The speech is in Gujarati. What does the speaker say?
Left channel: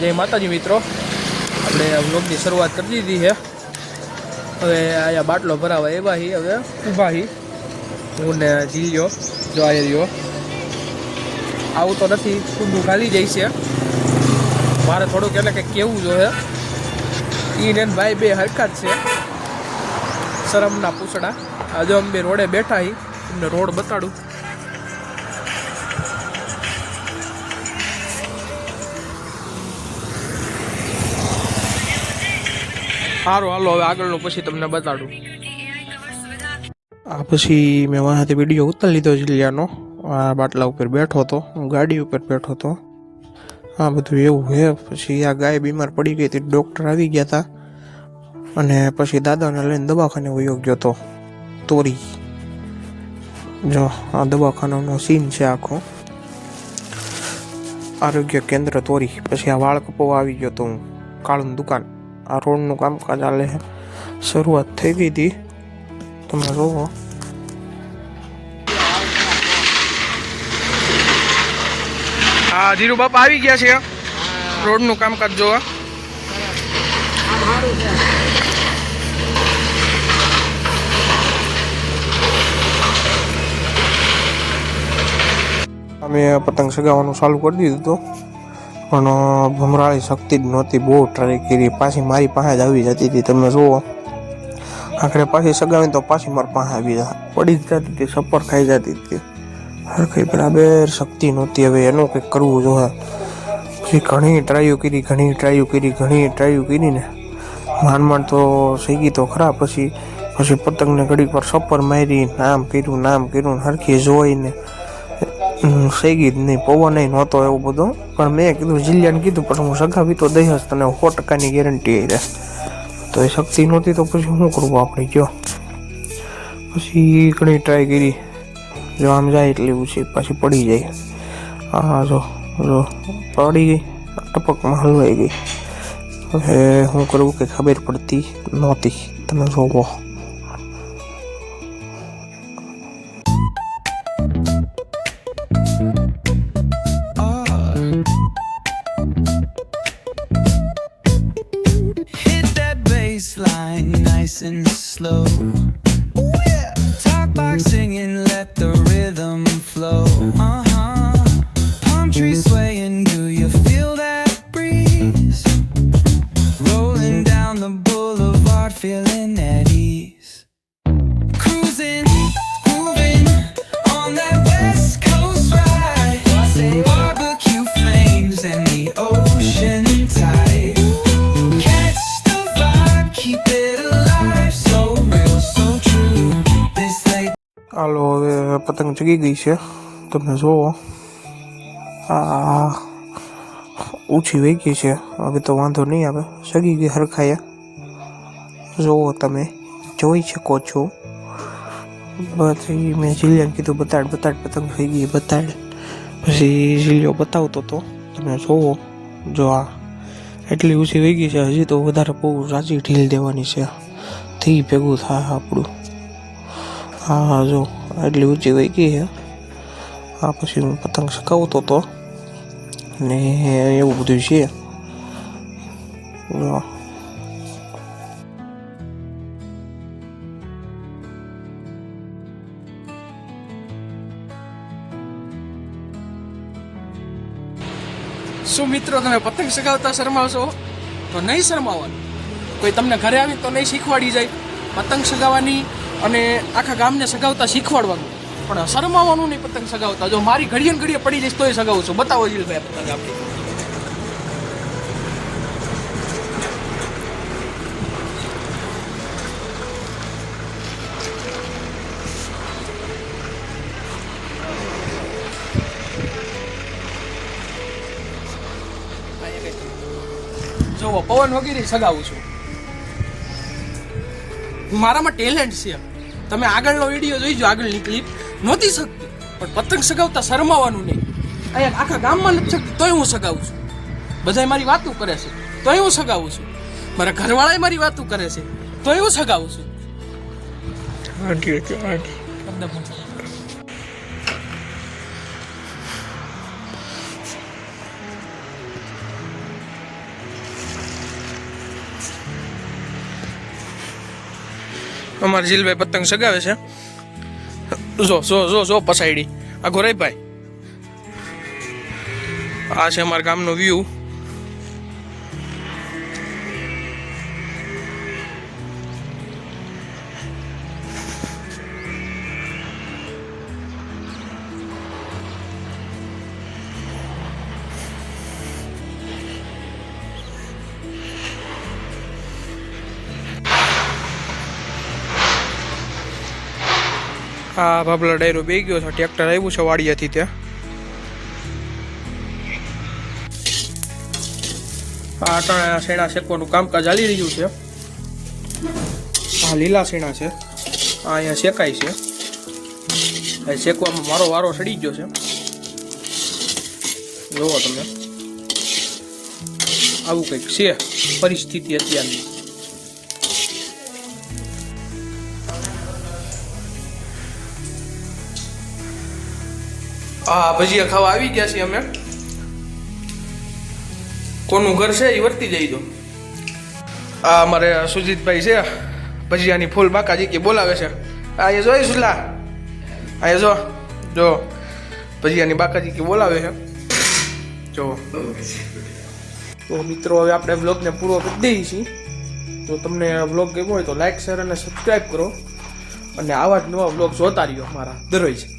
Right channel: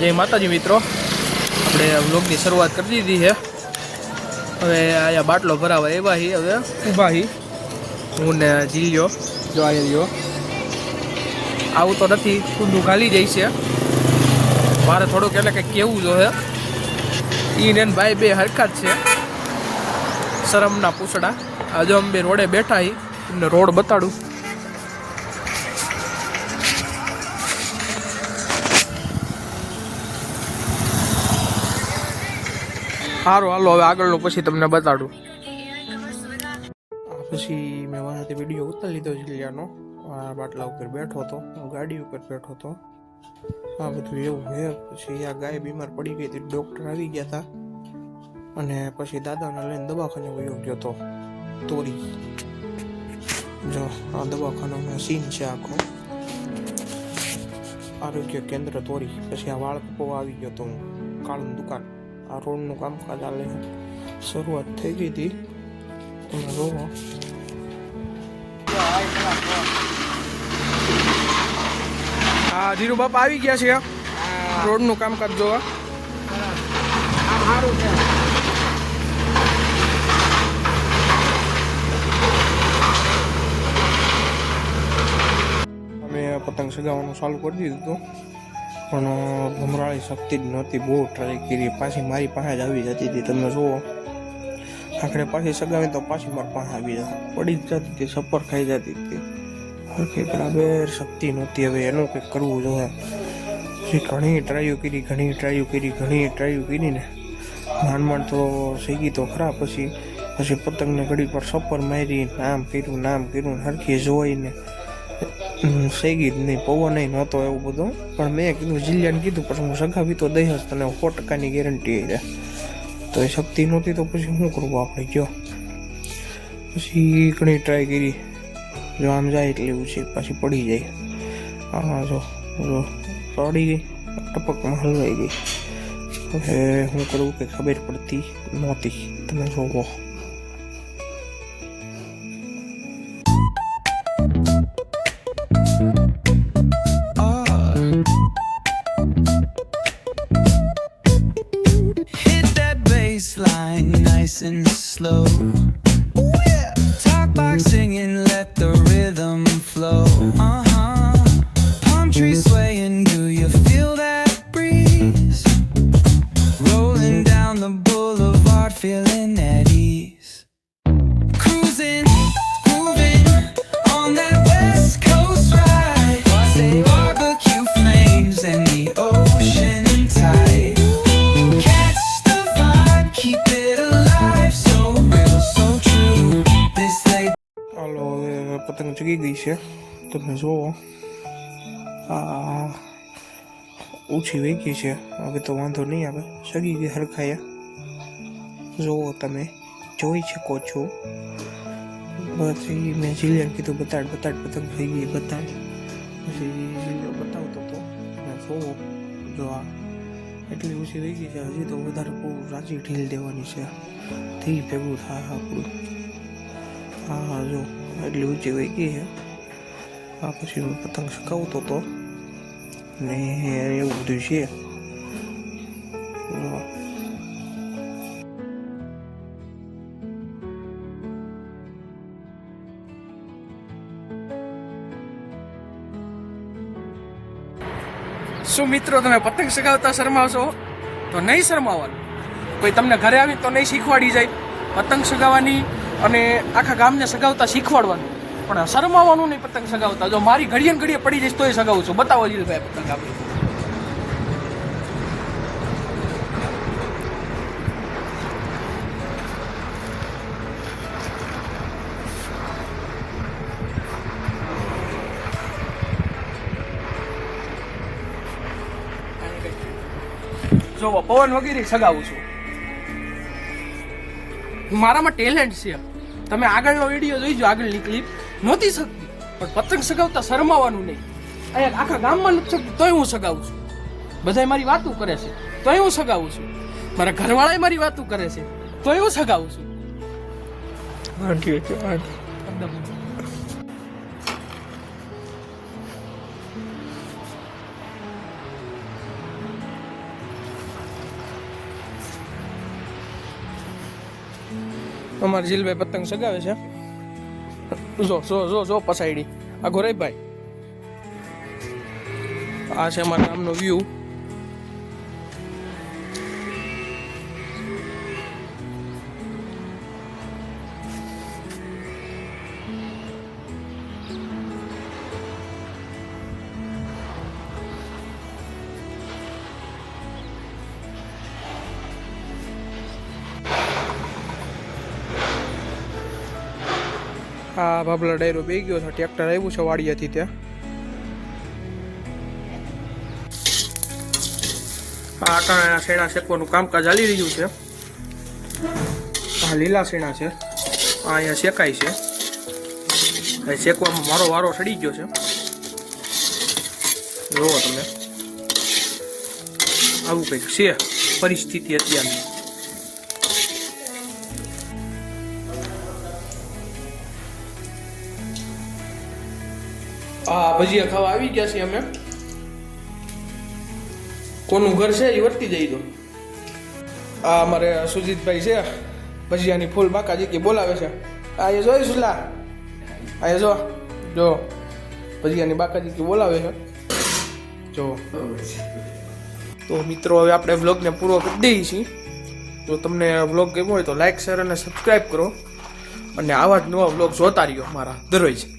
જય માતાજી મિત્રો, આપણે વ્લોગની શરૂઆત કરી દીધી છે. હવે અહીંયા બાટલો ભરાવા એવા હી, હવે ઊભા હી હું ને જીલ્યો. જો આ રહ્યો આવું તો નથી, ઊંધું ખાલી જાય છે. મારે થોડુંક એટલે કંઈક કેવું જોઈએ. ઈ ને ભાઈ બે હરખા જ છે, શરમના પૂછડા. આજે અમે બે રોડે બેઠા હી, ને રોડ બતાડું. સારું હાલો, હવે આગળનું પછી તમને બતાડું. આ પછી મેં વાંથી વિડીયો ઉતારી લીધો જિલ્લાનો. આ બાટલા ઉપર બેઠો હતો, હું ગાડી ઉપર બેઠો હતો. આ બધું એવું છે. પછી આ ગાય બીમાર પડી ગઈ હતી, ડૉક્ટર આવી ગયા હતા, અને પછી દાદાને લઈને દવાખાને વયો ગયો હતો. તોરી જો આ દવાખાનાનો સીન છે આખો, આરોગ્ય કેન્દ્ર તોરી. પછી આ વાળ કપવા આવી ગયો હતો હું, કાળું દુકાન. આ રોડનું કામકાજ ચાલે છે, શરૂઆત થઈ ગઈ હતી, તમે જોવો. હા, ધીરુ બાપા આવી ગયા છે, રોડનું કામકાજ જોવા. અમે પતંગ સગાવવાનું ચાલુ કરી દીધું હતું, પણ ભમરાળી શક્તિ જ નહોતી. બહુ ટ્રાય કરી, પાછી મારી પાસે જ આવી જતી હતી. તમે જુઓ, આખરે પાછી સગાવી તો પાછી મારી પાસે આવી જાય, પડી જ જતી હતી, સપર ખાઈ જતી હતી. હરખી બરાબર શક્તિ નહોતી. હવે એનું કંઈક કરવું જોઈએ. પછી ઘણી ટ્રાયો કરીને માંડ તો શીખી તો ખરા. પછી પતંગને ઘડીક પર સપર મારી, નામ કર્યું હરખી જોઈને શેગી જ નહીં. પવન નહોતો એવું બધું, પણ મેં કીધું જિલ્લાને કીધું, પણ હું સગાવી તો દઈ જ તને, 100%ની ગેરંટી રહે. તો એ શક્તિ નહોતી તો પછી શું કરવું આપણે, કયો. પછી ઘણી ટ્રાય કરી, જો આમ જાય એટલે ઉછી, પાછી પડી જાય. હા જો પડી ગઈ, ટપકમાં હલવાઈ ગઈ. હવે શું કરવું કે ખબર પડતી નહોતી. તમે જોવો, line nice and slow. Ooh, yeah. Talk back singing, let the rhythm flow. Palm trees swaying, do you feel that breeze? Rolling down the boulevard, feeling at ease. Cruising, moving on that west coast ride. Say barbecue flames and the ocean tide. હાલો, હવે પતંગ ચગી ગઈ છે, તમે જુઓ. આ ઓછી વહી ગઈ છે, હવે તો વાંધો નહીં આવે, ચગી ગઈ હરખાએ. જુઓ, તમે જોઈ શકો છો. પછી મેં જીલિયાને કીધું બતાડ પતંગ થઈ ગઈ, બતાડ. પછી જીલિયો બતાવતો હતો, તમે જુઓ. જો આ એટલી ઓછી વહી ગઈ છે, હજી તો વધારે બહુ રાજી ઢીલ દેવાની છે, થી ભેગું થાય આપણું. હા જો એટલી ઊંચી વહી ગઈ છે. આ પછી હું પતંગ સકાવતો હતો ને એવું બધું છે. શું મિત્રો, તમે પતંગ સગાવતા શરમાવશો તો નહીં શરમાવવાનું. કોઈ તમને ઘરે આવી તો નહીં શીખવાડી જાય પતંગ સગાવવાની, અને આખા ગામને સગાવતા શીખવાડવાનું, પણ શરમાવાનું નહીં પતંગ સગાવતા. જો મારી ઘડીએ ને ઘડીએ પડી જઈશ તોય સગાવું છું. બતાવો જ ભાઈ પતંગ આપણી. જો પવન વગેરે સગાવું છું. મારામાં ટેલેન્ટ છે. તમે આગળનો વિડીયો જોઈજો, આગળની ક્લિપ નહોતી શકતી, પણ પતંગ સગાવતા શરમાવાનું નહીં. અહીંયા આખા ગામમાં નથી શકતી તોય હું સગાવું છું. બધા મારી વાતું કરે છે તોય હું સગાવું છું. મારા ઘરવાળા મારી વાતું કરે છે તોય હું સગાવું છું. અમારા જીલભાઈ પતંગ સગાવે છે. જો જો જો જો પસાયડી આ ગોરાઈભાઈ. આ છે અમારા ગામનો વ્યૂ. આ બાબલા ડાયરો બે ગયો છે. ટ્રેક્ટર આવ્યું છે વાડિયાથી ત્યાં. આ કાંઈ શેણા શેકવાનું કામકાજ ચાલી રહ્યું છે. આ લીલા શેણા છે. આ અહીંયા શેકાય છે. આ શેકવામાં મારો વારો સડી ગયો છે. જુઓ તમે, આવું કંઈક છે પરિસ્થિતિ અત્યારની. હા, ભજીયા ખાવા આવી ગયા છીએ અમે. કોનું ઘર છે એ વર્તી જઈ દો. આ અમારે સુજીતભાઈ છે, ભજીયાની ફૂલ બાકાજી કે બોલાવે છે. આ એ જોઈ સુલા, આ જો જો ભજીયાની બાકાજી કે બોલાવે છે. જો તો મિત્રો, હવે આપણે બ્લોગને પૂરો કરી દઈએ છીએ. જો તમને બ્લોગ ગમ્યો હોય તો લાઈક, શેર અને સબસ્ક્રાઈબ કરો. અને આવા જ નવા બ્લોગ જોતા રહ્યો અમારા દરરોજ.